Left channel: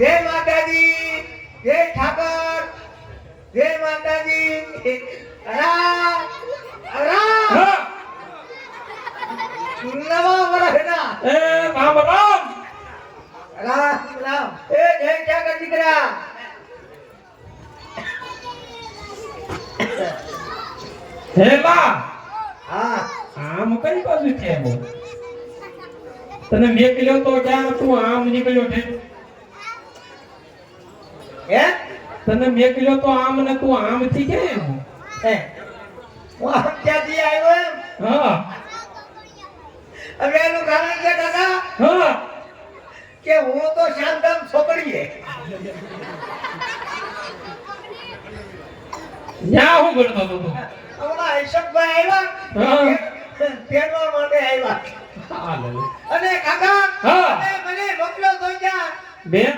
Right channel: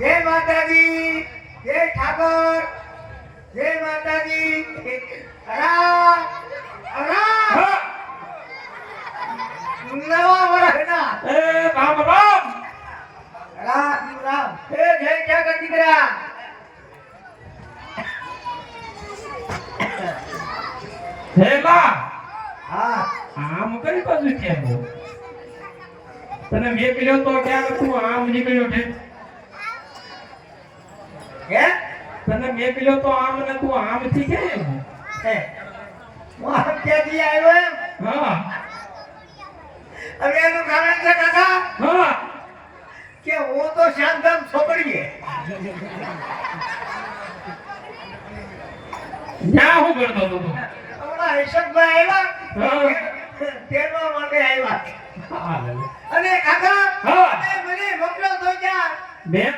જય માતાજી જય ઠાકોર જય માતાજી. રામ રામ નવા વર્ષના એ રામ રામ. રામ રામ. એ જય ઠાકર દીકરા. હેલા હા. આમ કઈ બાજુ છે? તને મેકલ્યો તો ક્યાં તું આમ નીકળ્યો છે. હે? તને મેકલ્યો તો આમ ને તું આમ થી કેમ હે? વાહ ત્યાંથી આવ્યો એમ. હા. હવે એનું કારણ છે કાકા હા. કે હું તો શાંતમ છોકરી હે. ન્યા હું ગણતો હતો? હમણાં હર્ષદભાઈ આવ્યા.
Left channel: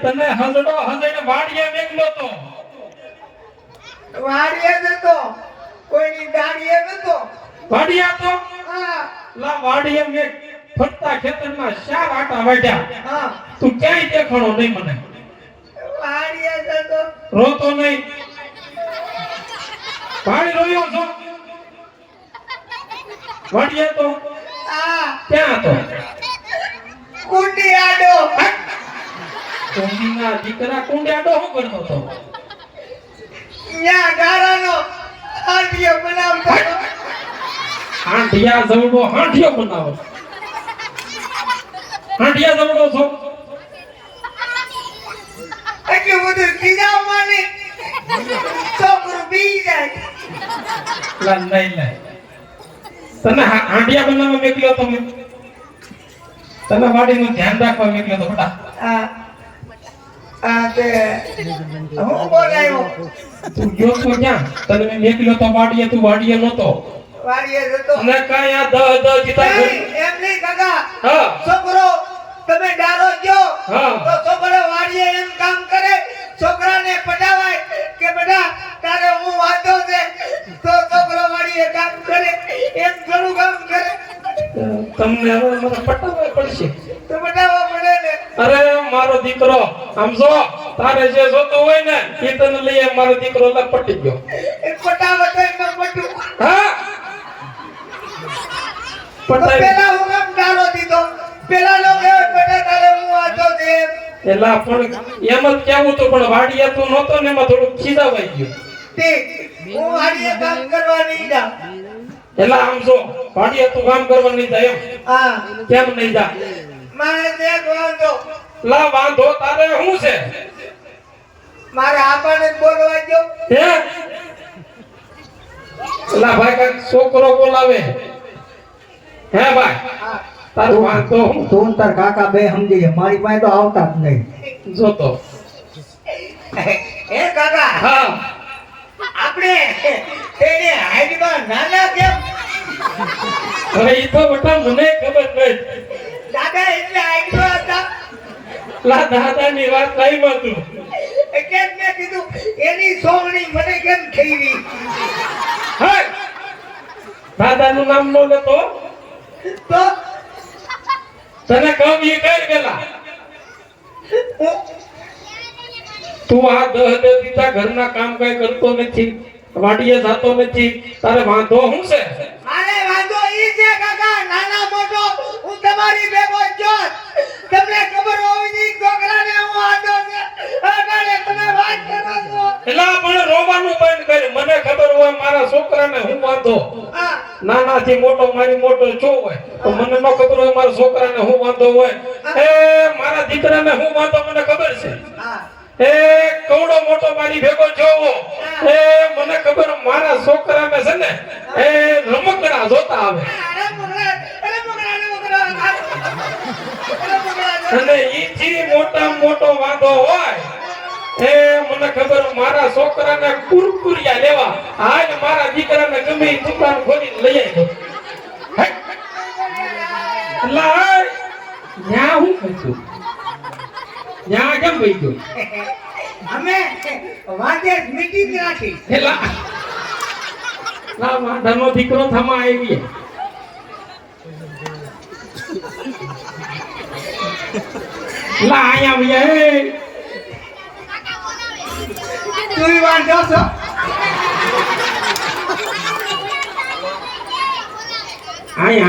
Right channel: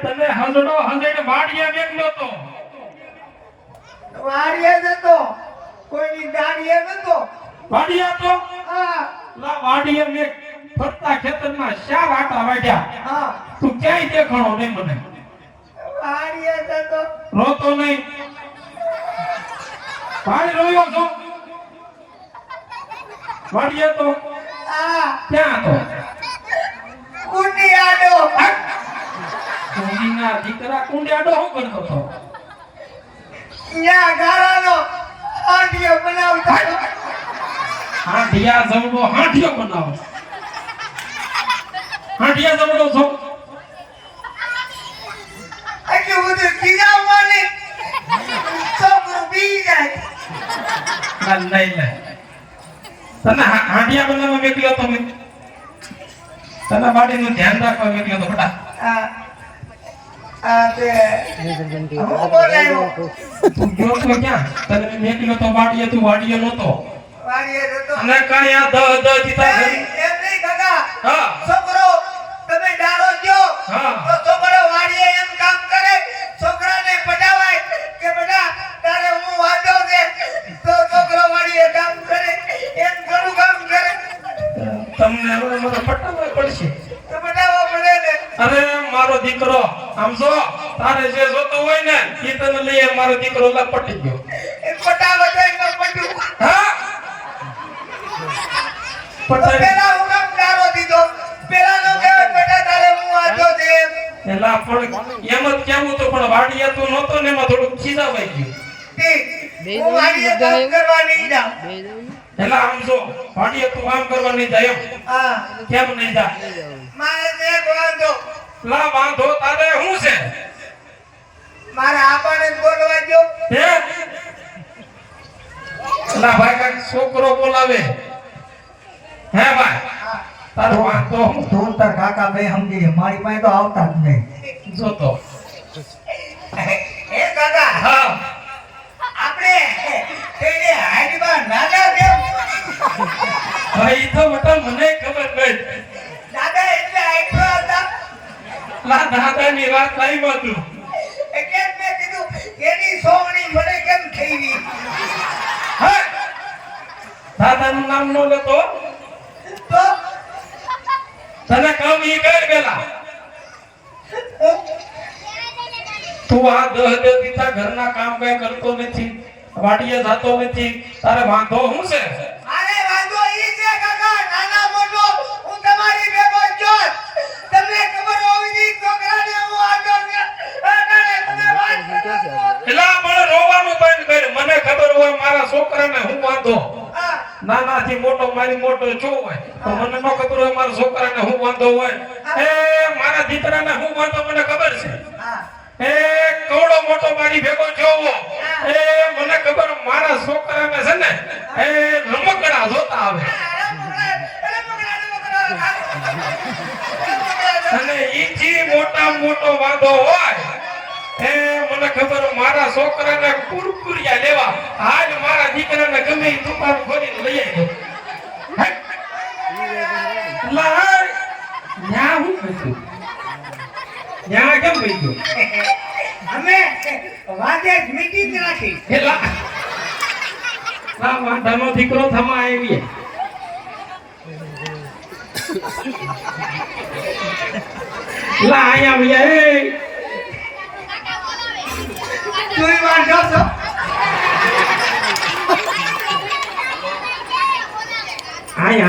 મેં તને હસડો હસડીને વાડીએ વેકલો તો. વાડીએ નતો. કોઈની ગાડીએ નતો. વાડિયા તો? હા. લા મેં ફરતા ખેતરમાં શા વાટા વાડ્યા હા. તું ક્યાંય દેખાણો નહીં મને. વાડીએ નતો. રોતો નહીં. ભાઈ રોયો છો? વાડીએ તો? હા. ક્યાં તો કુંડી આડો કોંડીના દીકરા કુંડિયાડો હું કરતો હતો. ન્યા ગારાનો આંટીઓ બનાવતો હાંડિયા જવડો હાંઢિયો બનાવો. હાંડિયા જવડો છો? એટલે બધું કીડા માને. છોકરું બી જાય. લા નહીં તને હાંડિયા બનાવવા બનાવવા મેકલ્યો તમે? તને વાડીનું ધ્યાન રાખવા મેકલ્યો તો બેટા તે હું. છોકરાને પટાવાય કે બેટા તારે હું વાંધો છે? તો છોકરો વાડીએ કામ કરે એમ ઘણું કામ કરે. તમને હવે મને પટાવવા પડશે. તો પટાવવા પડે ને. અરે મારો દીકરો આમ જો તારે જે જોતું હોય ને એ તને લઈ મારો દીકરો લપટી ગયો. હા? પેલા હું કામ દીધો. પેલા નો બેટા તારે હું છે એમ. એલા પણ એમ જ કેવું તો પણ વાડિયા તું નહોતો ને એમાં થોડુંક ખીજાવાઈ ગયું. તે હું વાડિયા કામ કરવાની નહીં એલા આમ જો વાડિયા તું કામ કરવાની જાય એમ. હા. કેમ નહીં જા? મારે તે બોલતો લા વાંધો તારે શું છે? મારે આપણને બોલવા દો હે? લા ભાઈ કાંઈક છોકરો બોલાવે. હે ભાઈ? તારો વાંધો તું તાર કાકા બે સમજી ગયા. મારી પાસે તો આવતા જ નહીં. જોતો હે કાકા? હા. આપણે તેને હાઈટમાં નાના કેમ? હવે તો બટા મને ખબર નહીં દાદા એટલે હાઈટમાં હતા લા દાદાની વાત નહીં માતું એટલે મેં કીધું એની સોંગણી મને કેમ થઈ દાદાનું નામ નો લેતો? તો? તને કહું એ કર પેલા તું આ દહ દે દીધા ઘરના કામ કઈ કરતો નથી વાડીએ જતો નથી તારે વાંધો શું છે? એલા પણ રોવાનું બંધ કર મને ખબર હોય મારા છોકરાને હું વાંધો? નાનાથી મોટો, મારી મોટો છો હોય, તો મને ન ખબર હોય મારા છોકરાને હું વાંધો હોય. એ, મારા દીકરાને હું વાંધો, મને ખબર છે. એ, કવડો મોટો મારી ભેગો જોવો એ, મને ખબર મારા છોકરાને છે ને, એ લમકડા જોતા આવે. અને ઈથી મોટા મોટો વાંધો હોય એ મને ખબર મારા છોકરાને કુરકુરિયા લેવા. આજ મારા દીકરાને ગમે દુકાન ખોલીને લઈ આવ્યો. લાય ન્યા હું કહ્યું ન્યા કેમ કહી અમે વાંધે જ મીટી જ હેલા ના વાંધાનો દીકરો થમા આવી લા આયા ભૈયા તું વાંધો છો આયા